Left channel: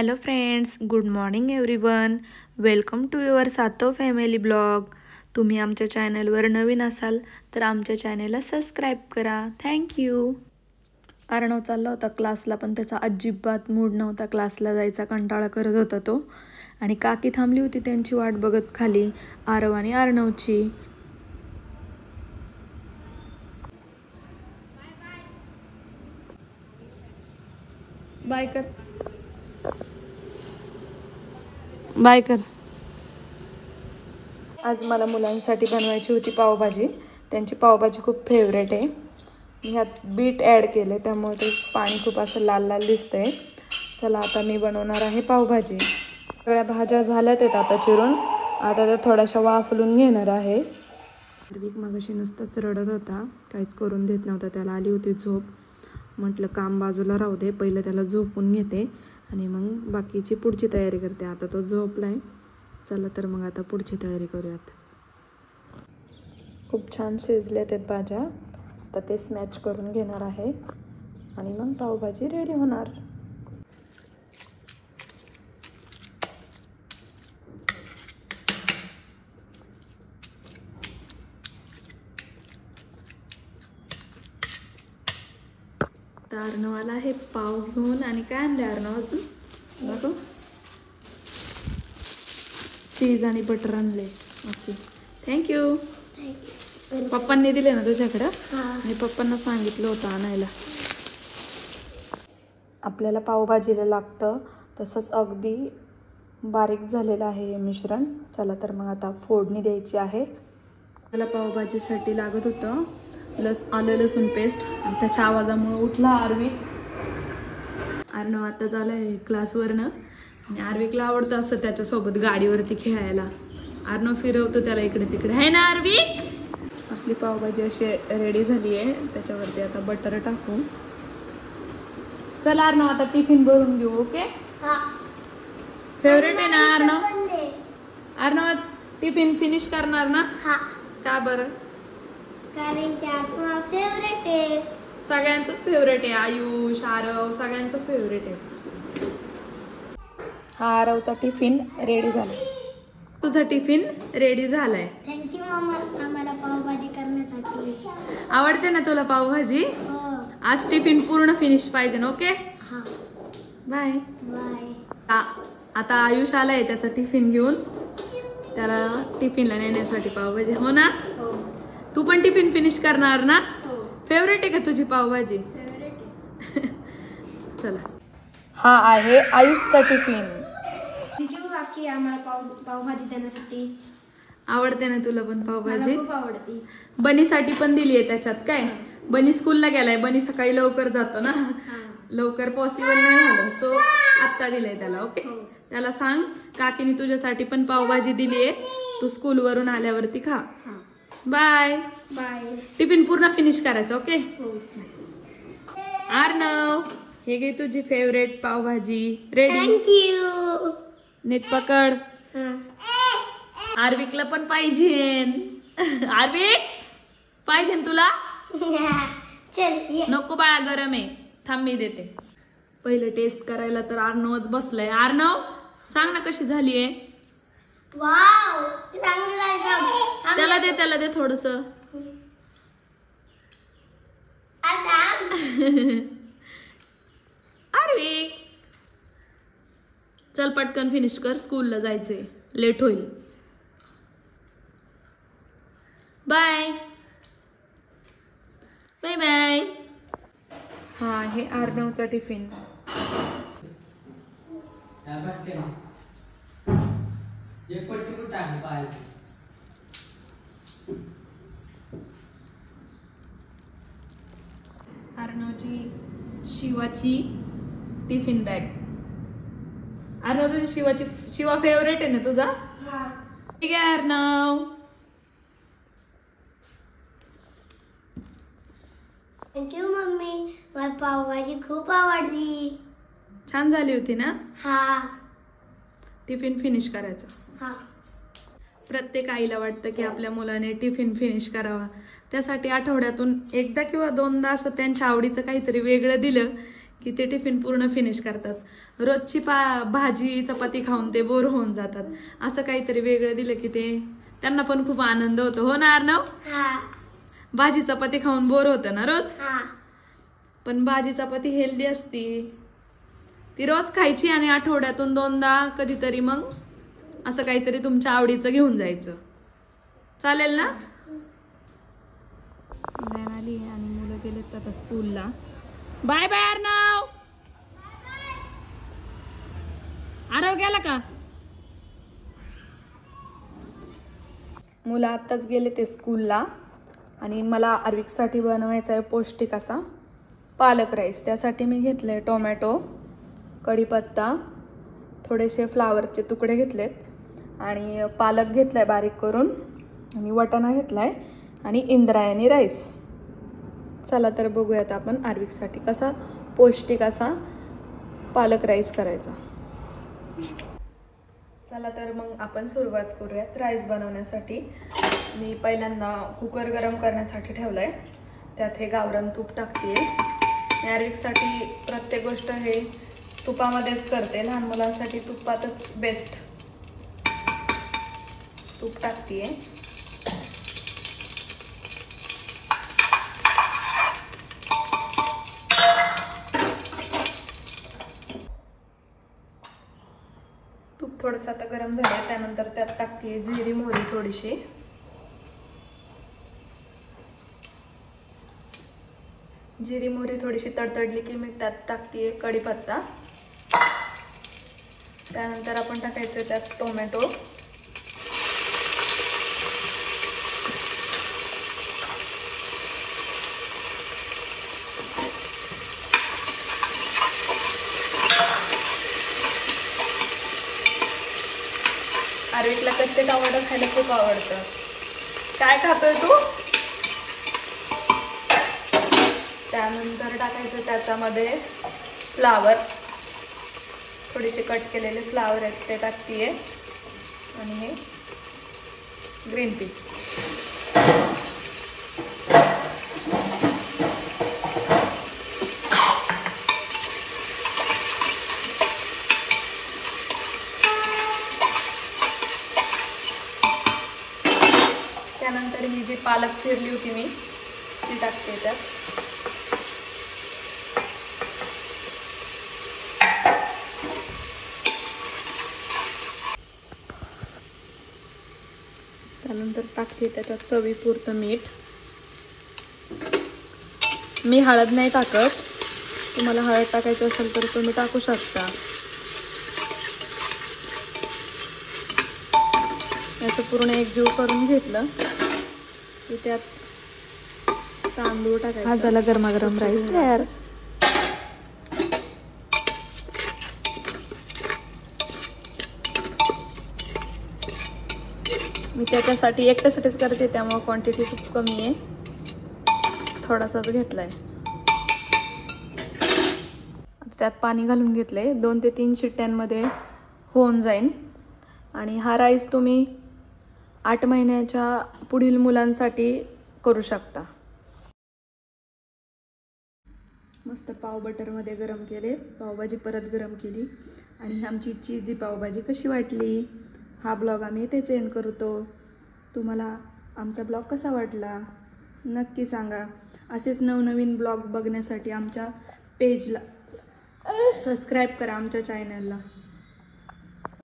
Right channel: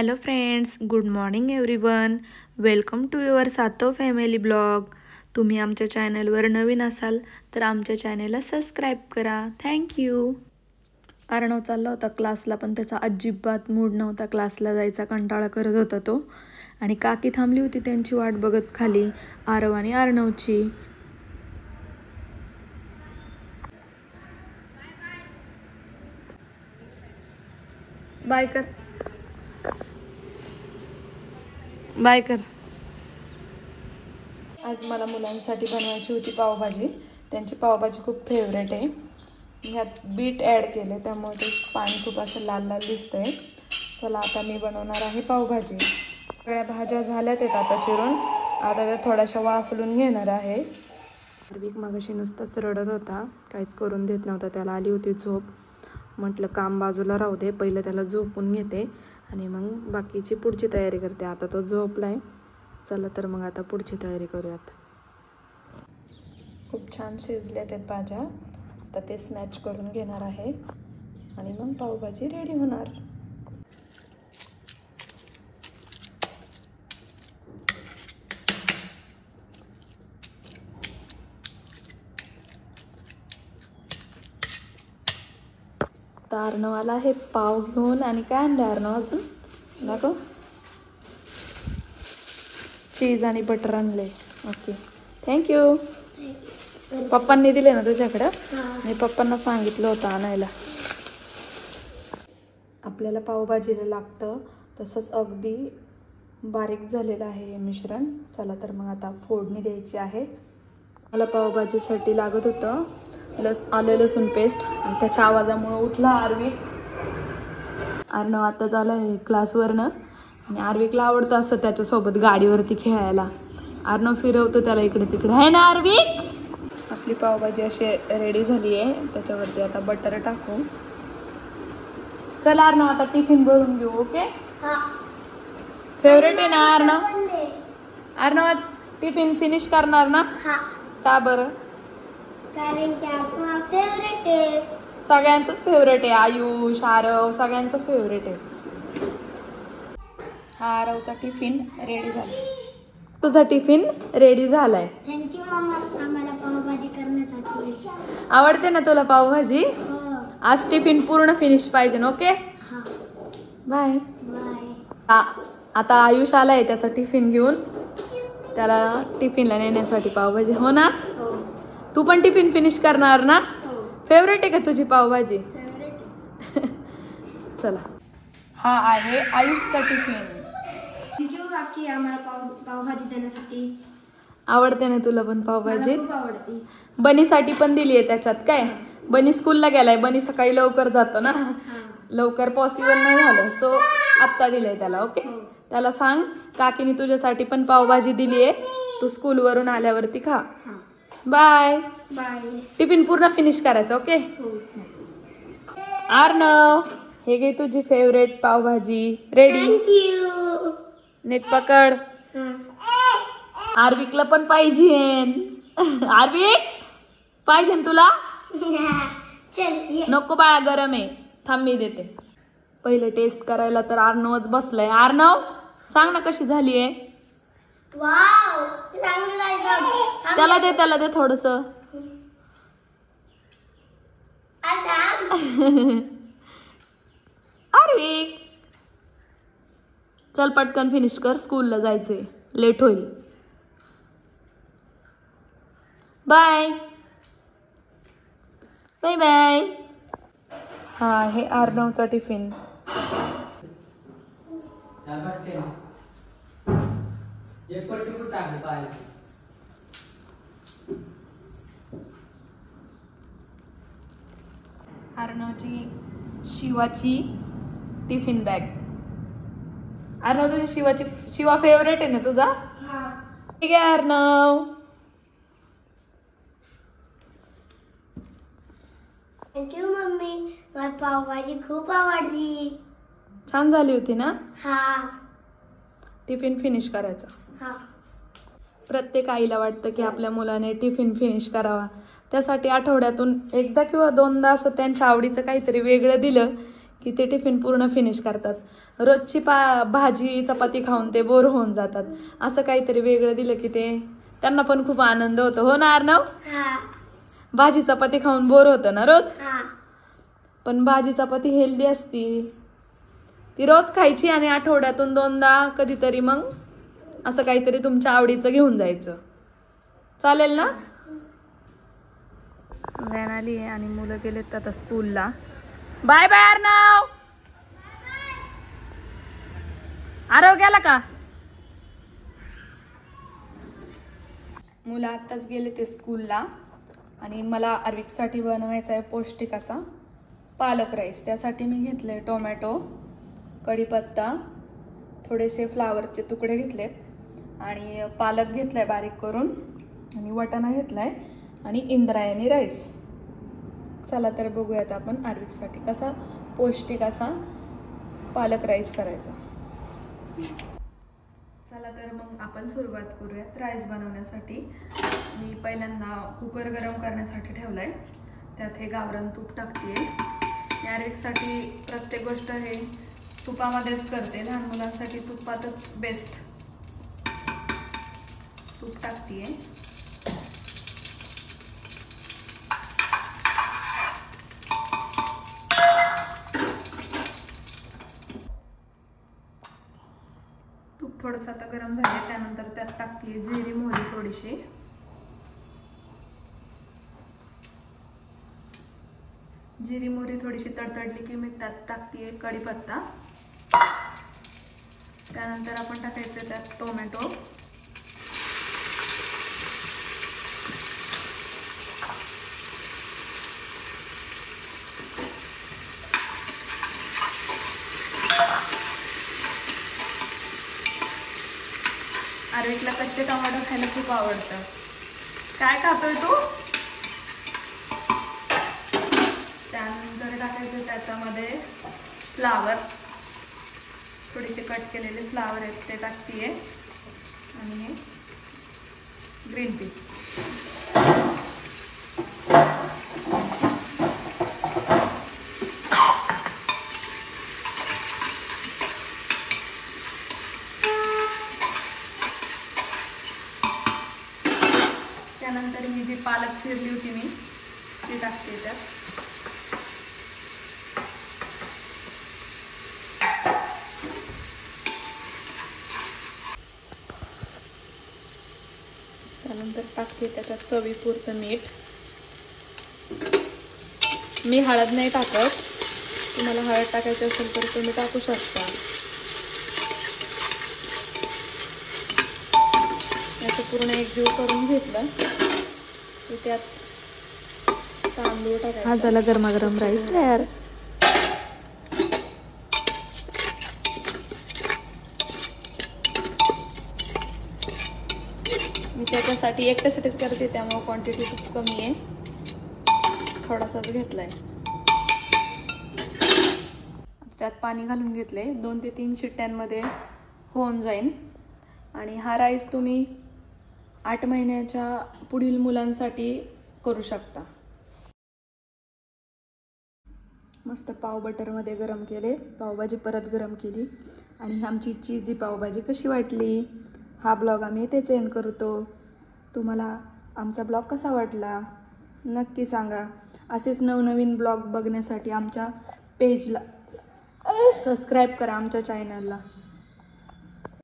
Hello friends, good morning everyone. Welcome to your सातो family blog. तुम्ही आमच्या चॅनलवर नवीन असाल तर आमच्या चॅनलला सबस्क्राईब करा. थँक्यू. अर्णव चालला होता क्लासला, पण त्याचा अजिबात मूड नव्हता. क्लासला जायचा कंटाळा करत होता तो. आणि काकी थांबली होती त्यांची वाट बघत खाली, आरव आणि अर्णवची. बाय कर, बाय कर. आज मला मुलांसाठी बनवायची होती पावभाजी. त्यांची पावभाजी खूप फेवरेट आहे. ह्यात बीट ॲड केले त्यामुळे ते पाणी खूप असं लाल लाल दिसतंय. चला आता मी बनवणार आहे पावभाजी. सगळ्या भाज्या झाल्यात आहेत आता चिरून. आता त्या थोड्याशा वाफलून घेणार आहे. आर्विक मगाशी नुसताच रडत होता, काहीच करून देत नव्हता. त्याला आली होती झोप. म्हटलं काम बाजूला राहू दे, पहिलं त्याला झोपून घेते आणि मग बाकीची पुढची तयारी करते. आता तो झोपलाय. चला तर मग आता पुढची तयारी करूयात. खूप छान शिजल्यात आहेत भाज्या. आता ते स्मॅच करून घेणार आहे आणि मग पावभाजी रेडी होणार. आता अर्णवाला हे पाव घेऊन आणि काय आणले अर्णव अजून नको, चीज आणि बटर आणले. Okay, thank you. पप्पांनी दिले ना तुझ्याकडं? मी पप्पांना सांगितलं होतं आणायला. आपल्याला पावभाजीला लागतं तसंच अगदी बारीक झालेलं आहे हे मिश्रण. चला तर मग आता फोडणी द्यायची आहे. मला पावभाजीसाठी लागत होतं आलं लसूण पेस्ट, आणि त्याच्या आवाजामुळे उठला आर्विक. अर्णव आता झालाय क्लासवरनं आणि आर्विकला आवडतं असं त्याच्यासोबत गाडीवरती खेळायला. अर्णव फिरवतो त्याला इकडे तिकडे, आहे ना आर्विक? आपली पावभाजी अशी रेडी झाली आहे. त्याच्यावरती आता बटर टाकू. चला अर्णव आता टिफिन भरून घेऊ. ओके, फेवरेट आहे ना अर्णव? अर्णव आज टिफिन फिनिश करणार ना? का बरं? कारण की आपला फेवरेट आहे. सगळ्यांचंच फेवरेट आहे. आयुष, आरव सगळ्यांचं फेवरेट आहे. हा आरवचा टिफिन रेडी झाला. तुझा टिफिन रेडी झालाय. थँक्यू मामा आम्हाला पावभाजी करण्यासाठी. आवडते ना तुला पावभाजी? आज टिफिन पूर्ण फिनिश पाहिजे. Okay, bye bye. आता आयुष आलाय त्याचा टिफिन घेऊन. त्याला टिफिनला नेण्यासाठी पावभाजी. हो ना? तू पण टिफिन फिनिश करणार ना? फेवरेट आहे का तुझी पावभाजी? चला, हा आहे आयुषचा टिफिन. थँक्यू काकी आम्हाला पावभाजी देण्यासाठी. आवडते ना तुला पण पावभाजी? खूप आवडते. बनीसाठी पण दिली आहे त्याच्यात. काय बनी स्कूलला गेलाय. बनी सकाळी लवकर जातो ना, लवकर पॉसिबल नाही झालं, सो आत्ता दिलंय त्याला. ओके, त्याला सांग काकीने तुझ्यासाठी पण पावभाजी दिली आहे, तू स्कूलवरून आल्यावरती खा. Bye bye. टिफिन पूर्ण फिनिश करायचं. ओके अर्णव, हे घे तुझी फेवरेट पावभाजी रेडी. थँक्यू. नीट पकड. आर्विकला पण पाहिजे. आर्विक पाहिजे तुला? चल नको बाळा, गरम आहे. थांब मी देते. पहिले टेस्ट करायला तर अर्णवच बसलाय. अर्णव सांग ना कशी झालीये? वाव, त्याला दे थोडस. आर्विक चल पटकन फिनिश कर, स्कूलला जायचंय, लेट होईल. Bye bye bye. हा हे अर्णवचा टिफिन. अर्णवची शिवाची टिफिन बॅग. अर्णव तुझी शिवा फेवरेट आहे ना तुझा? ठीक आहे अर्णव. थँक्यू मम्मी, मला पावभाजी खूप आवडली. छान झाली होती ना? हा. टिफिन फिनिश करायचं. हा. प्रत्येक आईला वाटतं की आपल्या मुलाने टिफिन फिनिश करावा. त्यासाठी आठवड्यातून एकदा किंवा दोनदा असं त्यांच्या आवडीचं काहीतरी वेगळं दिलं की ते टिफिन पूर्ण फिनिश करतात. रोजची भाजी चपाती खाऊन ते बोर होऊन जातात. असं काहीतरी वेगळं दिलं की ते त्यांना पण खूप आनंद होतो. हो ना अर्णव? भाजी चपाती खाऊन बोर होतं ना रोज. पण भाजी चपाती हेल्दी असती, ती रोज खायची आणि आठवड्यातून 2दा कधीतरी मग असं काहीतरी तुमच्या आवडीचं घेऊन जायचं. चालेल ना? व्हॅन आली आहे आणि मुलं गेलेत आता स्कूलला. Bye bye Arnav. आरव गेला का? मुलं आत्ताच गेले ते स्कूलला आणि मला आर्विकसाठी बनवायचा आहे पौष्टिक असा पालक राईस. त्यासाठी मी घेतले टोमॅटो, कढीपत्ता, थोडेसे फ्लावरचे तुकडे घेतलेत आणि पालक घेतलाय बारीक करून आणि वाटाणा घेतलाय आणि इंद्रायणी राईस. चला तर बघूयात आपण आर्विकसाठी कसा पौष्टिक असा पालक राईस करायचा. चला तर मग आपण सुरुवात करूयात राईस बनवण्यासाठी. मी पहिल्यांदा कुकर गरम करण्यासाठी ठेवलाय. त्यात हे गावरान तूप टाकते. आर्विकसाठी प्रत्येक गोष्ट हे तुपामध्येच करते. लहान मुलांसाठी तुपातच बेस्ट. तूप टाकते. तूप थोडंसं आता गरम झाले. त्यानंतर त्यात टाकते जिरी मोहरी थोडीशी. जिरी मोहरी थोडीशी तडतडली की मी त्यात टाकते कढीपत्ता. त्यानंतर आपण टाकायचं त्यात टोमॅटो, आर्विकला कच्चे टोमॅटो खायला खूप आवडतं. काय खातोय तू? त्यानंतर टाकायचं त्याच्यामध्ये फ्लावर, थोडेसे कट केलेले फ्लावर आहेत ते टाकते आणि हे ग्रीन पीस. त्यानंतर ही जी पालक चिरली होती मी ती टाकते त्यात. त्यानंतर टाकते त्याच्यात चवीपुरतं मीठ. मी हळद नाही टाकत, तुम्हाला हळद टाकायची असेल तर तुम्ही टाकू शकता. याचं पूर्ण एकजीव करून घेतलं की त्यात तांदूळ टाकायचं. हा झाला गरमागरम राईस तयार. मी त्याच्यासाठी एकट्यासाठीच करते त्यामुळे क्वांटिटी खूप कमी आहे, थोडासाच घेतलाय. त्यात पाणी घालून घेतलंय. 2 ते 3 शिट्ट्यांमध्ये होऊन जाईल. आणि हा राईस तुम्ही 8 महिन्याच्या पुढील मुलांसाठी करू शकता. मस्त पाव बटरमध्ये गरम केले. पावभाजी परत गरम केली आणि आमची चीजी पावभाजी कशी वाटली हा ब्लॉग आम्ही इथेच एंड करतो. तुम्हाला आमचा ब्लॉग कसा वाटला नक्की सांगा. असेच नवनवीन ब्लॉग बघण्यासाठी आमच्या पेजला सबस्क्राईब करा, आमच्या चॅनलला.